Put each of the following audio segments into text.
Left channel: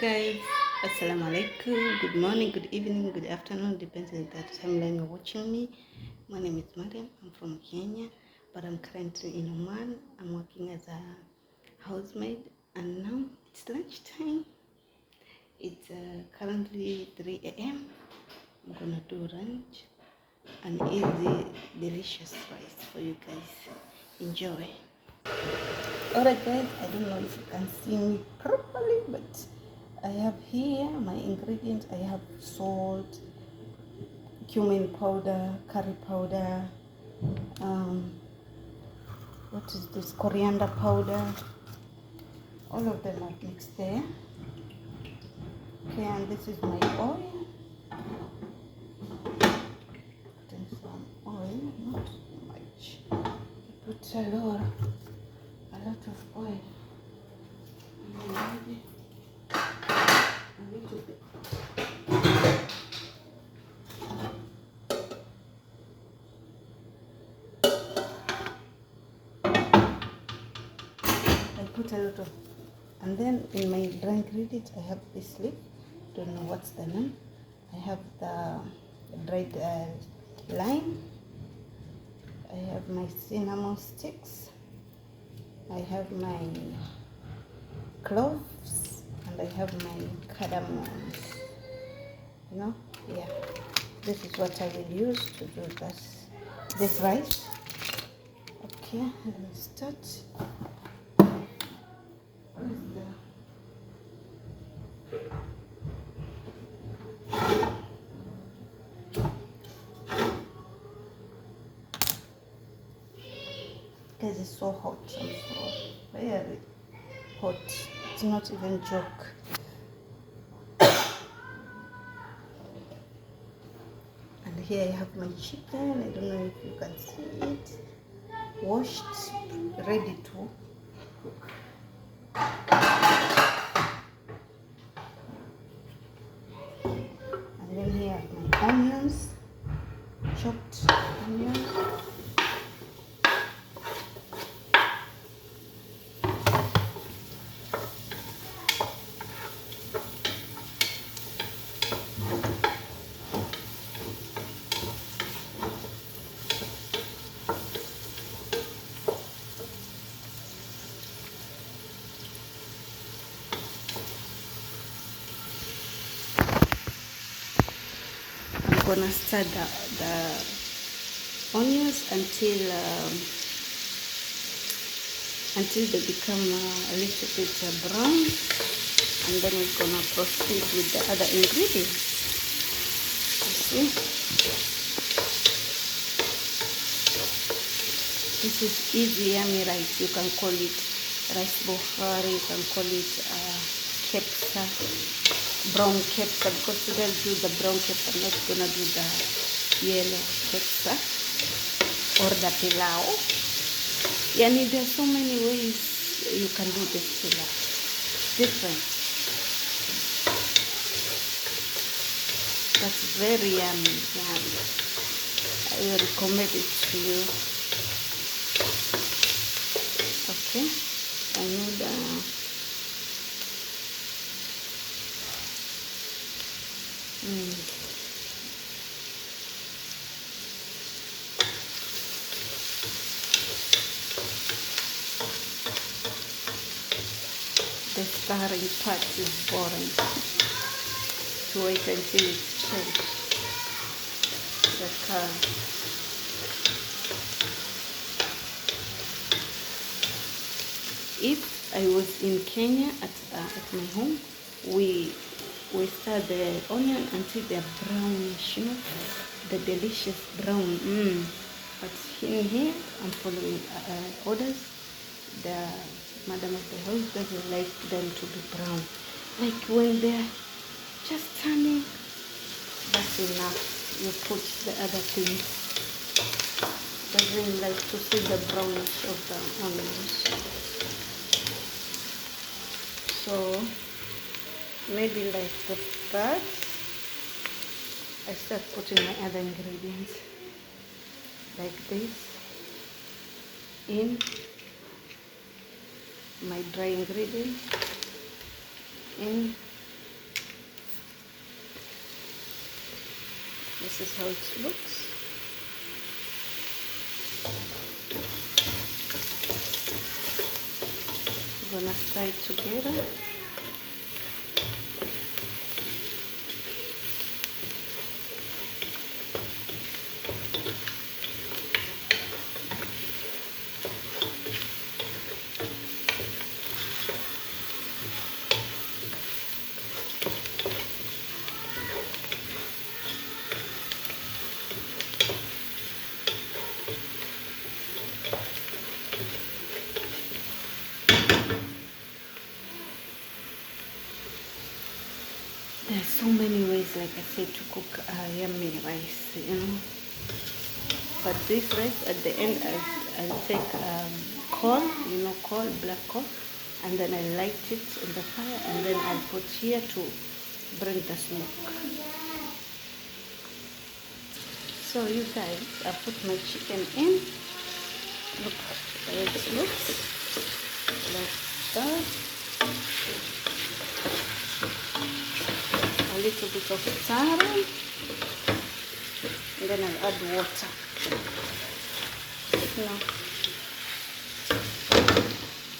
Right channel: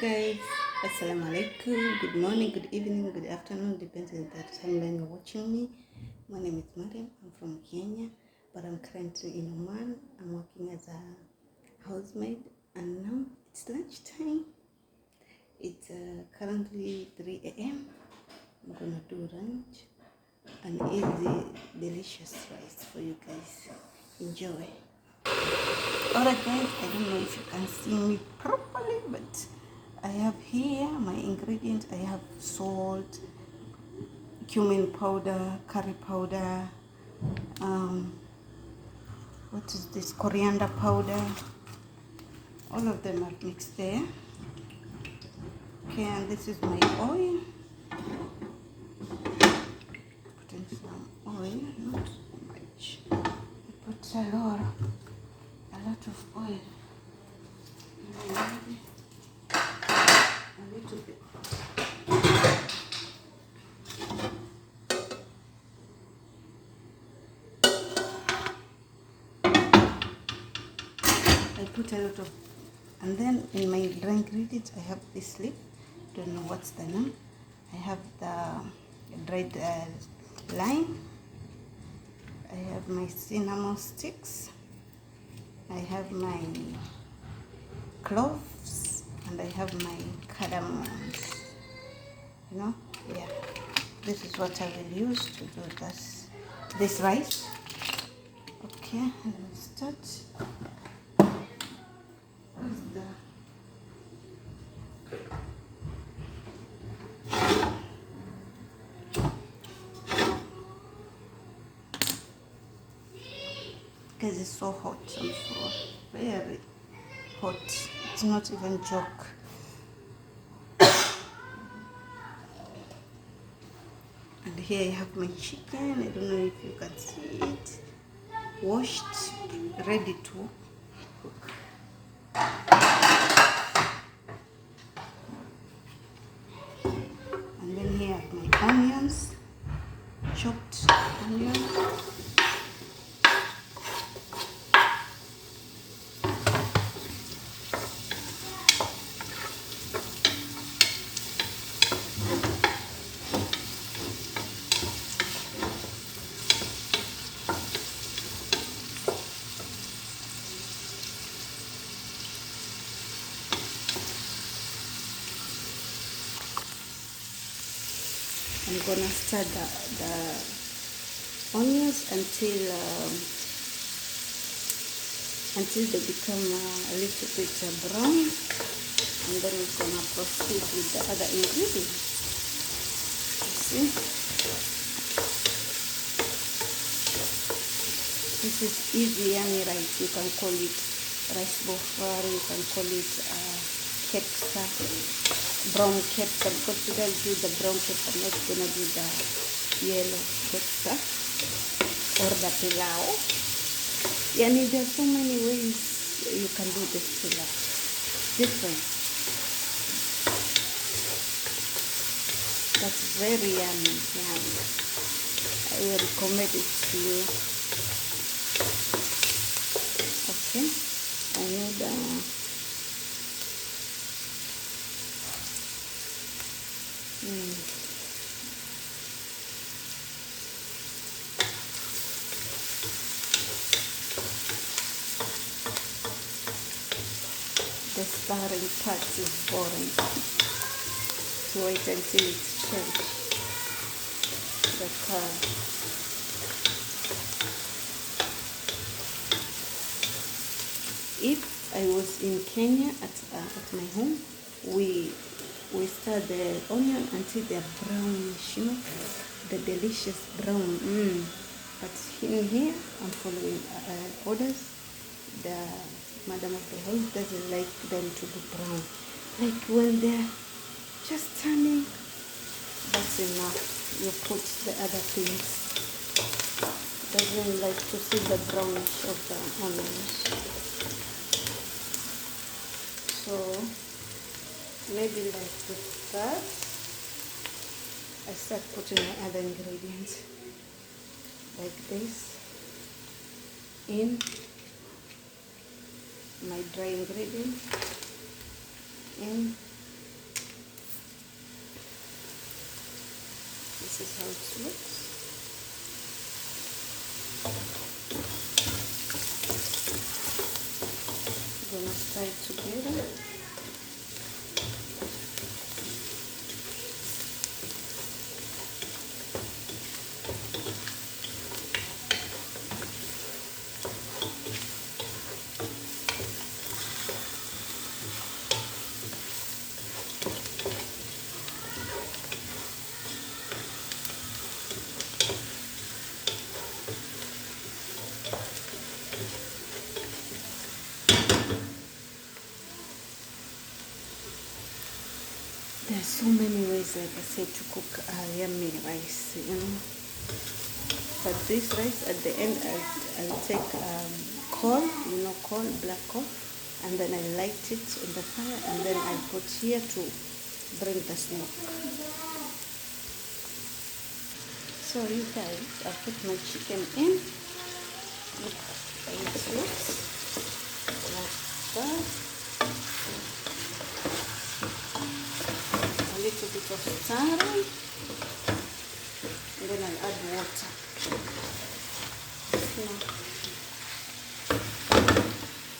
guys, assalamu alaikum. Good morning, good evening, good afternoon, depends on the timeline you're watching me. My name is Mariam. I'm from Kenya, but I'm currently in Oman. I'm working as a housemaid, and now it's lunchtime. It's currently 3 a.m. I'm gonna do lunch and eat the delicious rice for you guys. Enjoy. Alright guys, I don't know if you can see me properly, but I have here my ingredients. I have salt, cumin powder, curry powder, what is this, coriander powder. All of them are mixed there. Okay, and this is my oil. Putting some oil, not so much. I put a lot of oil. A little bit. I put a lot of, and then in my dry ingredients I have this leaf. Don't know what's the name. I have the dried lime. I have my cinnamon sticks. I have my cloves, and I have my cardamoms. You know, yeah. This is what I will use to do this rice. Okay, let's start. Where's the because it's so hot, I'm so very hot. It's not even joke. And here I have my chicken. I don't know if you can see it. Washed, ready to cook. And then here I have my onions, chopped onions. I'm gonna stir the onions until they become a little bit brown, and then we're gonna proceed with the other ingredients. You see, this is easy yummy rice. You can call it rice bohari, you can call it kepsa, brown kepsa, because today I'll do the brown kepsa. I'm not gonna do the yellow kepsa or the pilau. Yani, there are so many ways you can do this pilau. Different. That's very yummy. I will recommend it to you. Okay, I need the stirring part is boring. To wait until it's changed the color. If I was in Kenya at my home, we stir the onion until they're brownish, you know, the delicious brown. But in here, I'm following orders. The madam of the house doesn't like them to be brown. Like when they're just turning, that's enough. You put the other things. Doesn't like to see the brownish of the onions. So maybe like with that, I start putting my other ingredients like this in my dry ingredients, in This is how it looks. I'm gonna stir it together. There's so many ways, like I said, to cook yummy rice, you know. But this rice, at the end, I'll take coal, you know, coal, black coal, and then I light it on the fire, and then I'll put here to bring the smoke. So you guys, I put my chicken in. Look how it looks like that. A little bit of stirring, and then I'll add water. Now,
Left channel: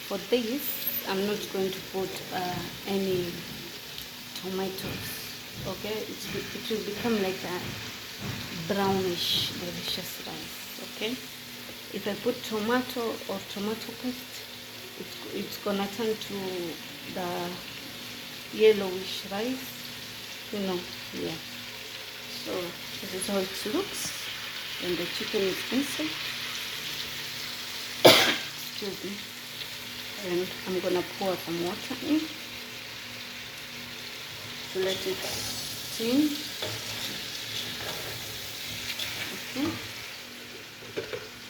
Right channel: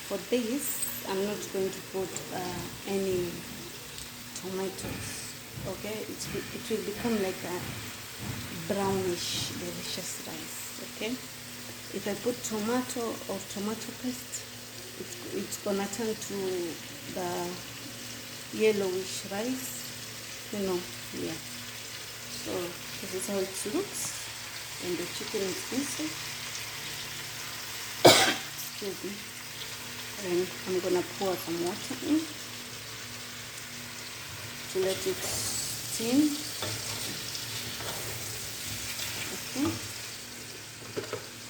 for this, I'm not going to put any tomatoes. Okay, it will become like a brownish, delicious rice. Okay, if I put tomato or tomato paste, it's gonna turn to the yellowish rice. You know, yeah. So this is how it looks, and the chicken is inside. Excuse me. And I'm gonna pour some water in to let it steam. Okay.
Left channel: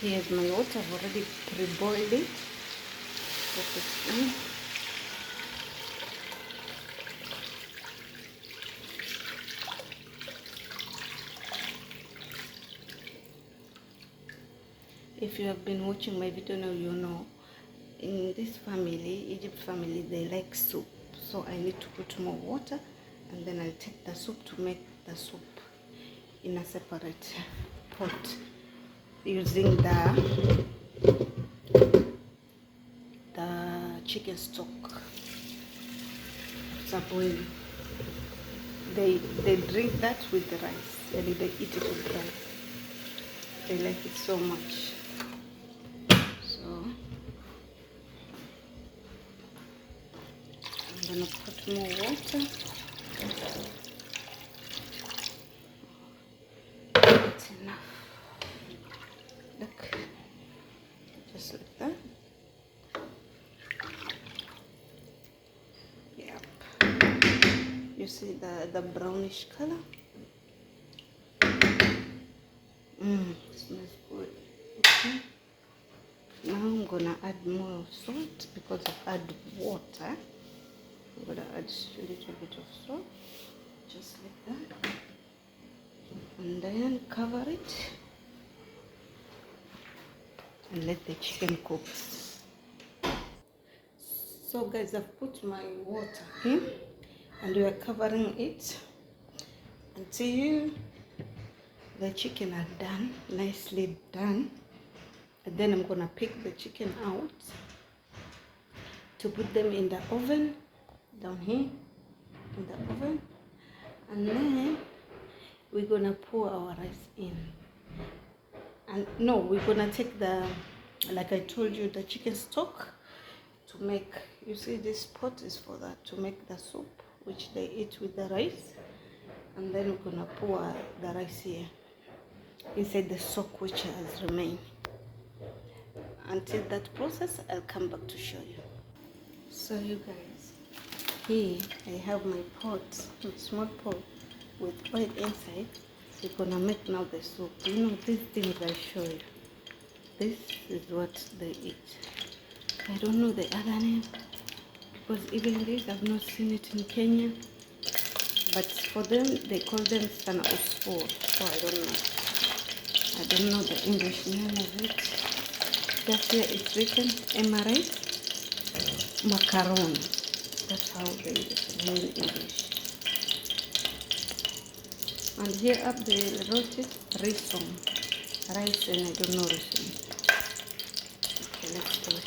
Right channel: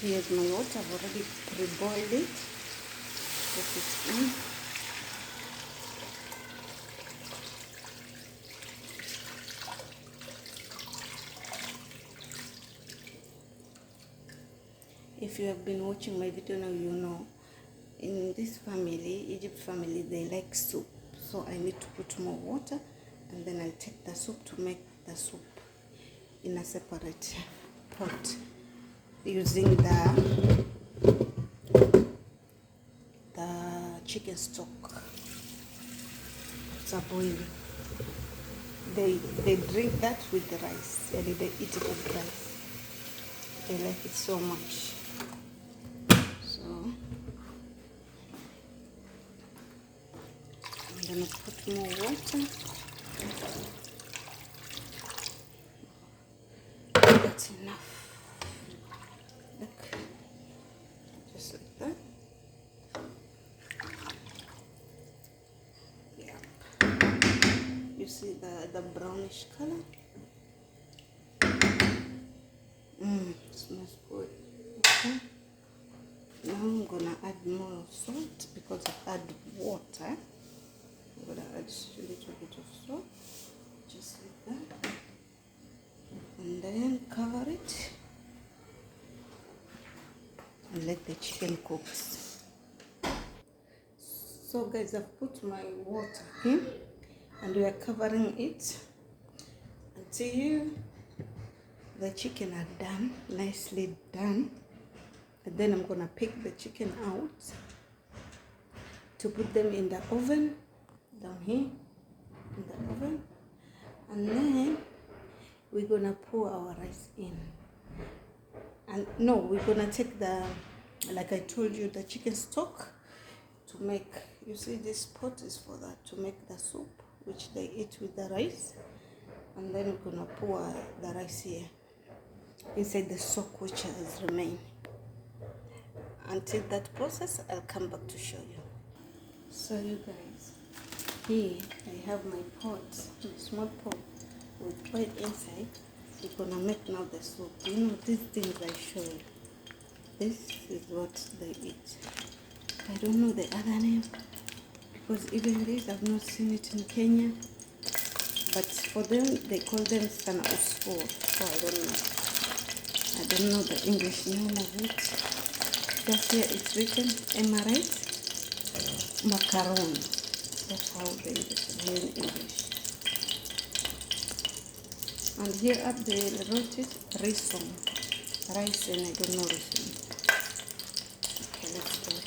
Here's my water. I've already pre-boiled it. Put it in. If you have been watching my video now, you know, in this family, Egypt family, they like soup. So I need to put more water, and then I'll take the soup to make the soup in a separate pot using the chicken stock. It's a boil. They drink that with the rice, and they eat it with rice. They like it so much. So I'm gonna put more water. That's enough. Look, just like that. Yep. You see the brownish color? It smells good. Okay. Now I'm gonna add more salt because I've added water. I'm gonna add a little bit of salt, just like that, and then cover it and let the chicken cook. So guys, I've put my water here, and we are covering it until the chicken are done, nicely done. And then I'm gonna pick the chicken out to put them in the oven, down here in the oven, and then we're gonna pour our rice in. And no, we're gonna take the, like I told you, the chicken stock to make, you see this pot is for that, to make the soup which they eat with the rice. And then we're gonna pour the rice here inside the stock which has remained. Until that process, I'll come back to show you. So you guys, here I have my pot, small pot with oil inside. We're gonna make now the soup. You know, these things I show you, this is what they eat. I don't know the other name, because even this I've not seen it in Kenya, but for them they call them sana usfur, so I don't know the English name of it. Just here it's written Emirates macaron. That's how they use it in English. And here up they wrote it rison, rice, and I don't know rison. Okay, let's do it.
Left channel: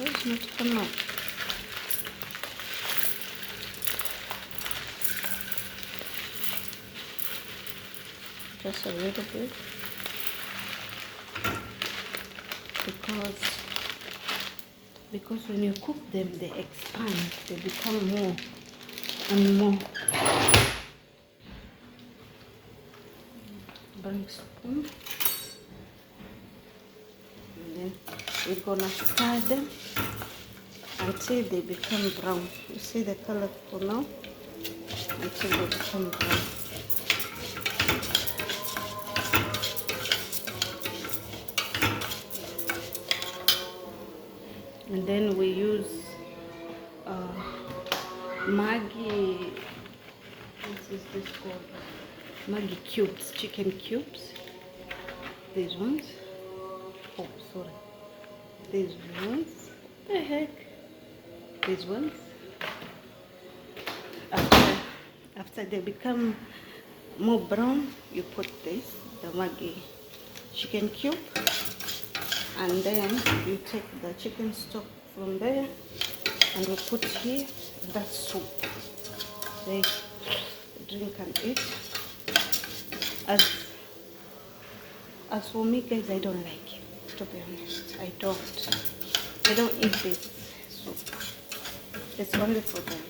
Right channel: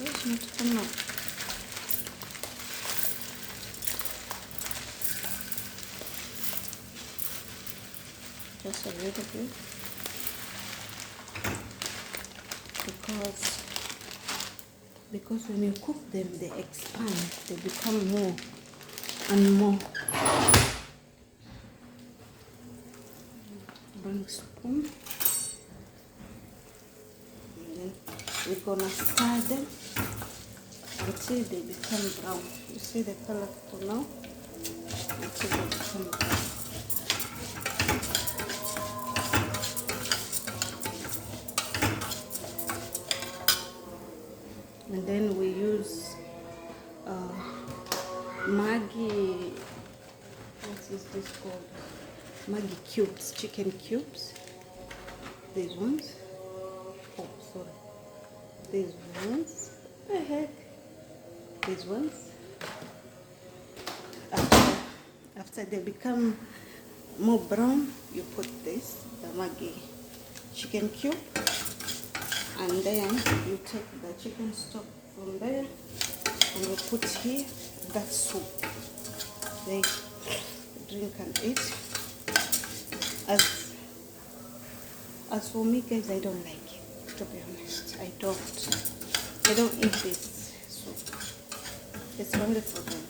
It's not come out. Just a little bit, because when you cook them, they expand, they become more and more. Bring spoon, and then we're gonna stir them until they become brown. You see the color for now? Until they become brown. And then we use Maggi, what is this called? Maggi cubes, chicken cubes. These ones. Oh, sorry. These ones. What the heck? These ones. After they become more brown, you put this, the Maggi chicken cube, and then you take the chicken stock from there and we put here. That's soup. They drink and eat. As for me, guys, I don't like it, to be honest. I don't eat this soup. It's only for them.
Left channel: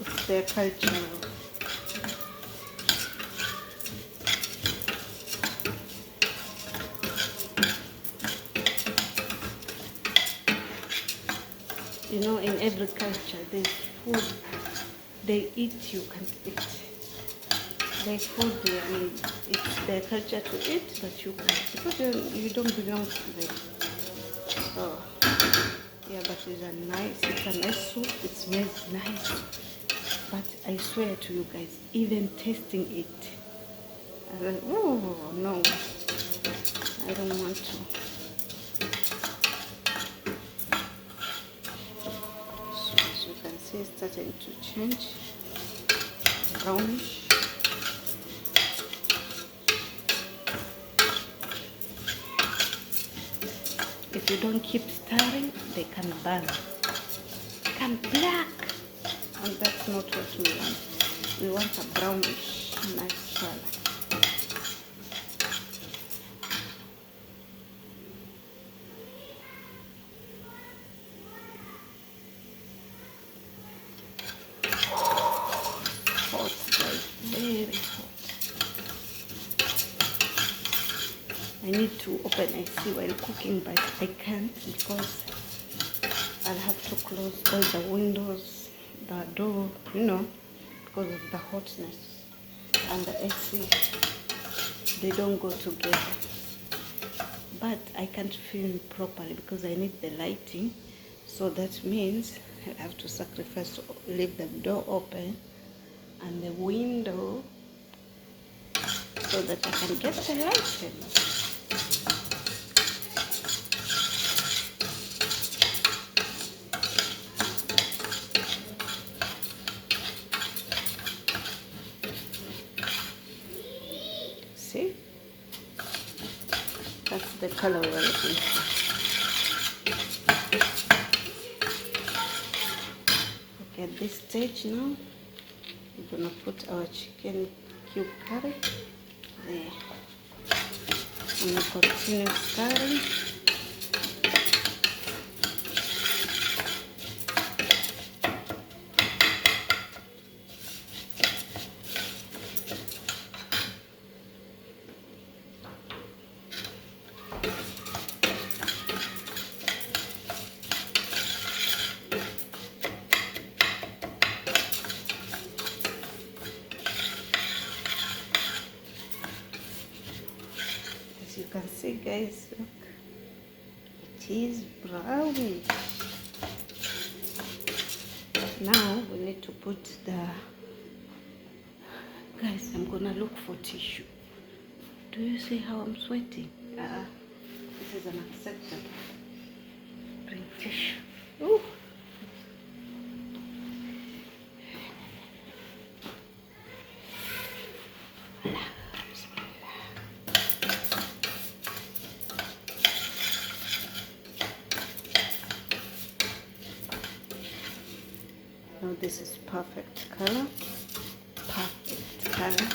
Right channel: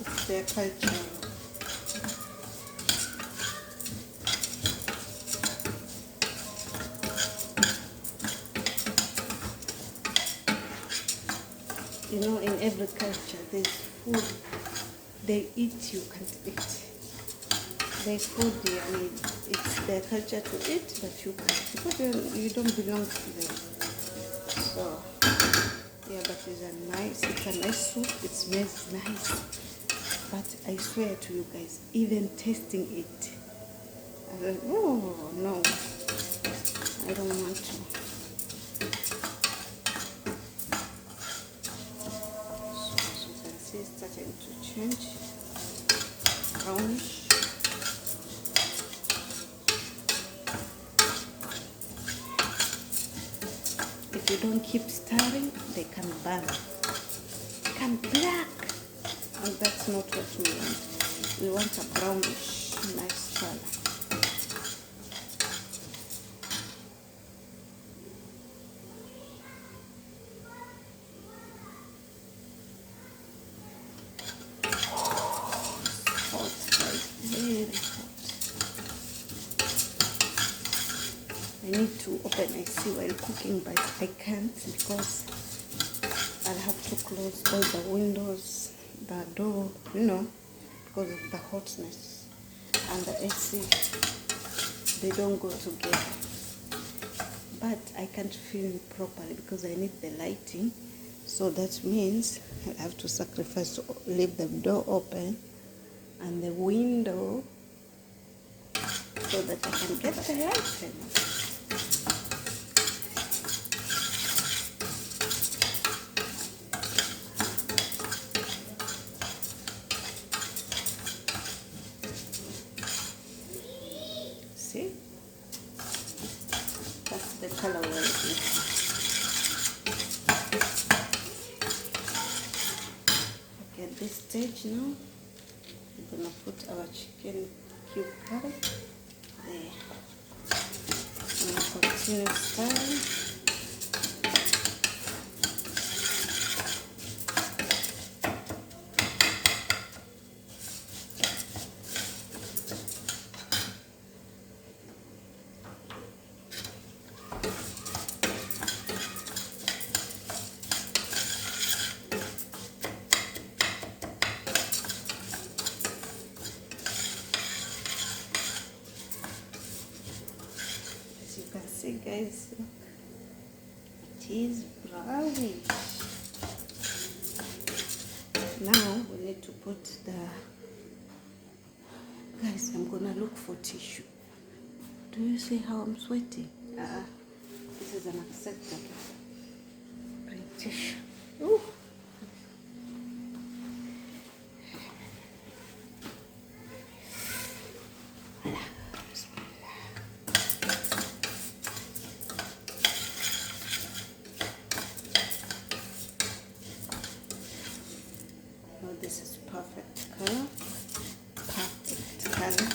It's their culture. You know, in every culture, there's food they eat, you can't eat. There's food, I mean, it's their culture to eat, but you can't, because you don't belong to them. So, yeah, but it's a nice soup, it smells nice. But I swear to you guys, even tasting it, I was like, oh, no, I don't want to. It's starting to change brownish. If you don't keep stirring, they can burn, become black, and that's not what we want. We want a brownish, nice color. Very hot. I need to open AC while cooking, but I can't because I'll have to close all the windows, the door, you know, because of the hotness. And the AC, they don't go together. But I can't film properly because I need the lighting. So that means I have to sacrifice to leave the door open and the window so that I can get the light in. See? That's the color we're looking for. Okay, at this stage now, we're going to put our chicken cube curry there. I'm going to continue stirring. As you can see, guys, look, it is brownish. Now we need to put the, guys, I'm gonna look for tissue. Do you see how I'm sweating? This is unacceptable. Bring tissue. Ooh. Now this is perfect color. Perfect color.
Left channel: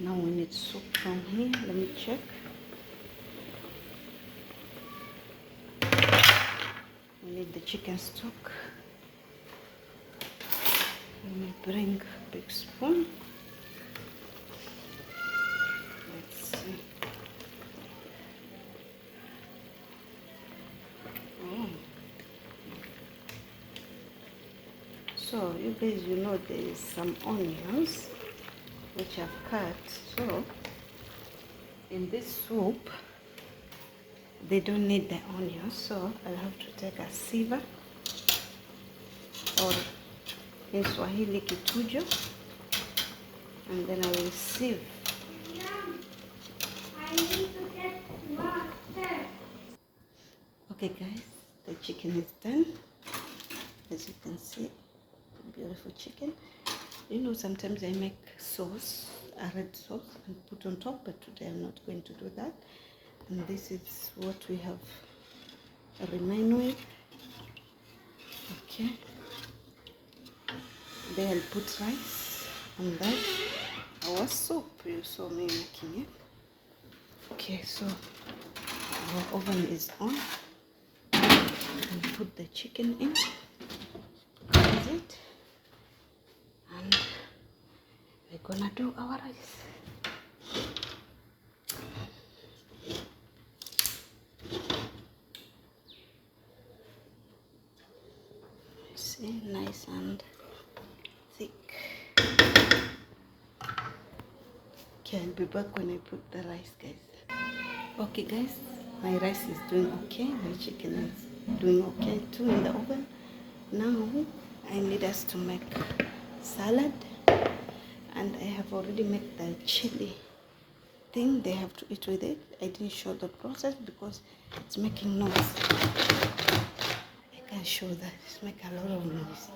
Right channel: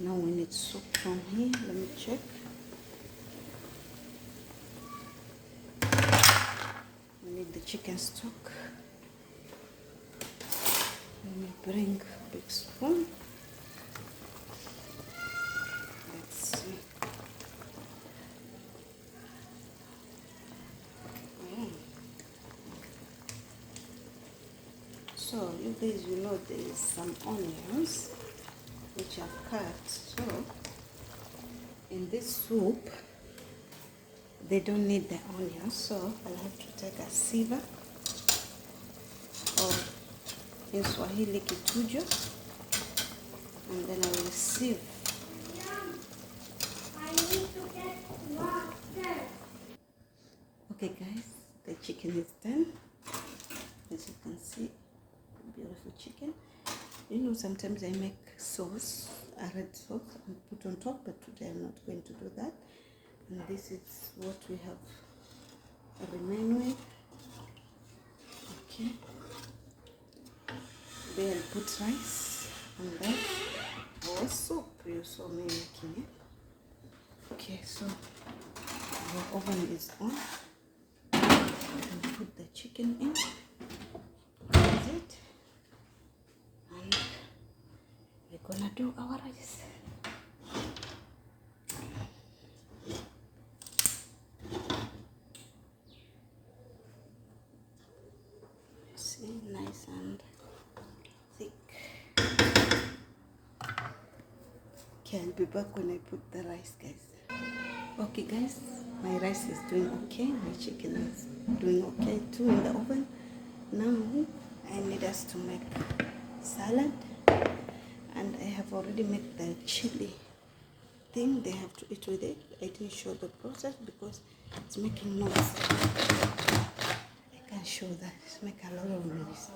Now we need soup from here. Let me check. We need the chicken stock. Let me bring a big spoon. Let's see. So you guys, you know there is some onions which I've cut. So in this soup, they don't need the onions, so I'll have to take a sieve, or in Swahili kitujo, and then I will sieve. I need to get water. Okay guys, the chicken is done. As you can see, beautiful chicken. You know, sometimes I make sauce, a red sauce, and put on top, but today I'm not going to do that. And this is what we have remain with. Okay. Then I'll put rice, and then our soup. You saw me making it. Okay, so our oven is on. And put the chicken in. Close it. And we're gonna do our rice. See, nice and thick. Okay, I'll be back when I put the rice, guys. Okay guys, my rice is doing okay. My chicken is doing okay too in the oven. Now I need us to make salad, and I have already made the chili thing. They have to eat with it. I didn't show the process because it's making noise. I can't show that. It's making a lot of noise.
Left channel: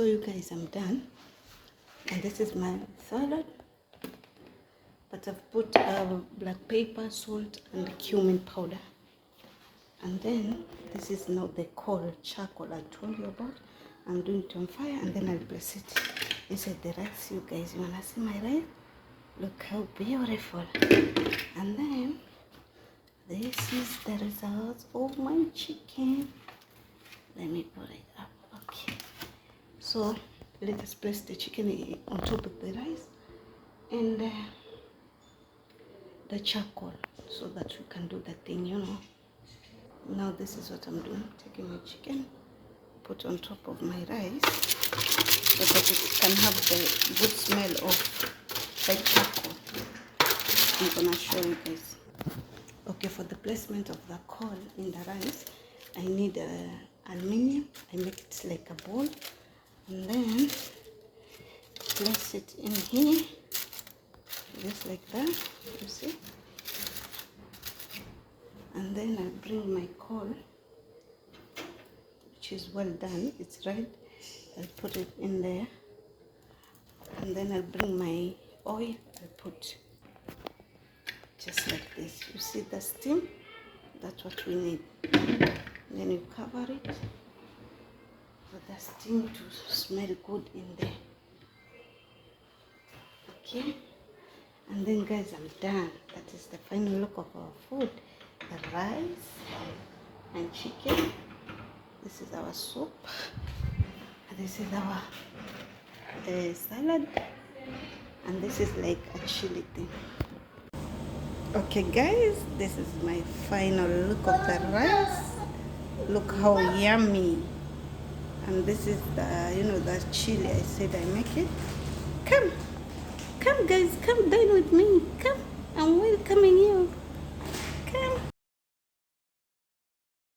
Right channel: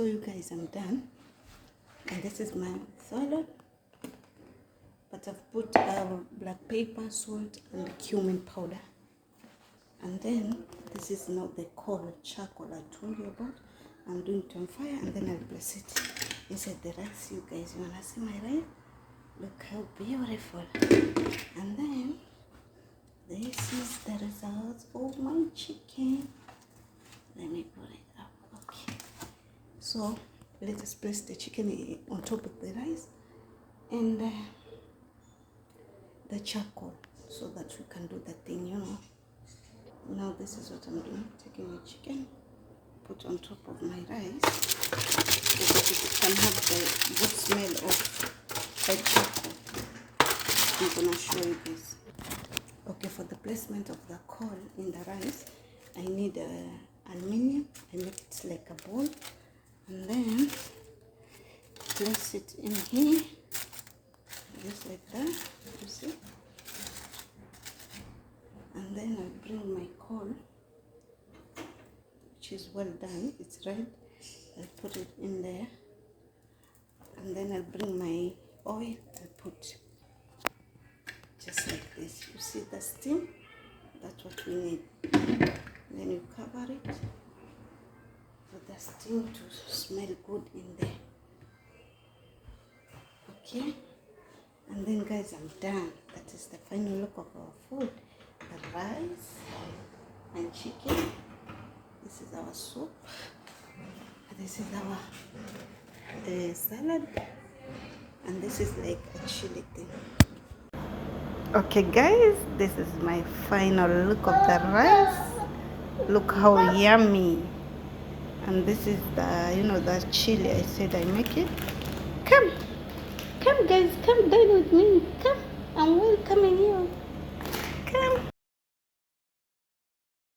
So you guys, I'm done, and this is my salad. But I've put black pepper, salt, and cumin powder. And then this is not the coal charcoal I told you about. I'm doing it on fire, and then I'll place it inside the rice. You guys, you wanna see my rice? Look how beautiful. And then this is the results of my chicken. Let me put it up. Okay. So let us place the chicken on top of the rice and the charcoal so that we can do the thing, you know. Now this is what I'm doing. Taking my chicken, put on top of my rice so that it can have the good smell of the charcoal. I'm gonna show you guys. Okay, for the placement of the coal in the rice, I need aluminium. I make it like a ball, and then place it in here, just like that. You see? And then I bring my coal, which is well done. It's red. I'll put it in there, and then I'll bring my oil. I'll put just like this. You see the steam? That's what we need. Then you cover it for the steam to smell good in there. Okay? And then guys, I'm done. That is the final look of our food. The rice and chicken. This is our soup. This is our salad. And this is like a chili thing. Okay guys, this is my final look of the rice. Look how yummy. And this is the, you know, the chili I said I make it. Come guys, come dine with me. Come, I'm welcoming you. Come.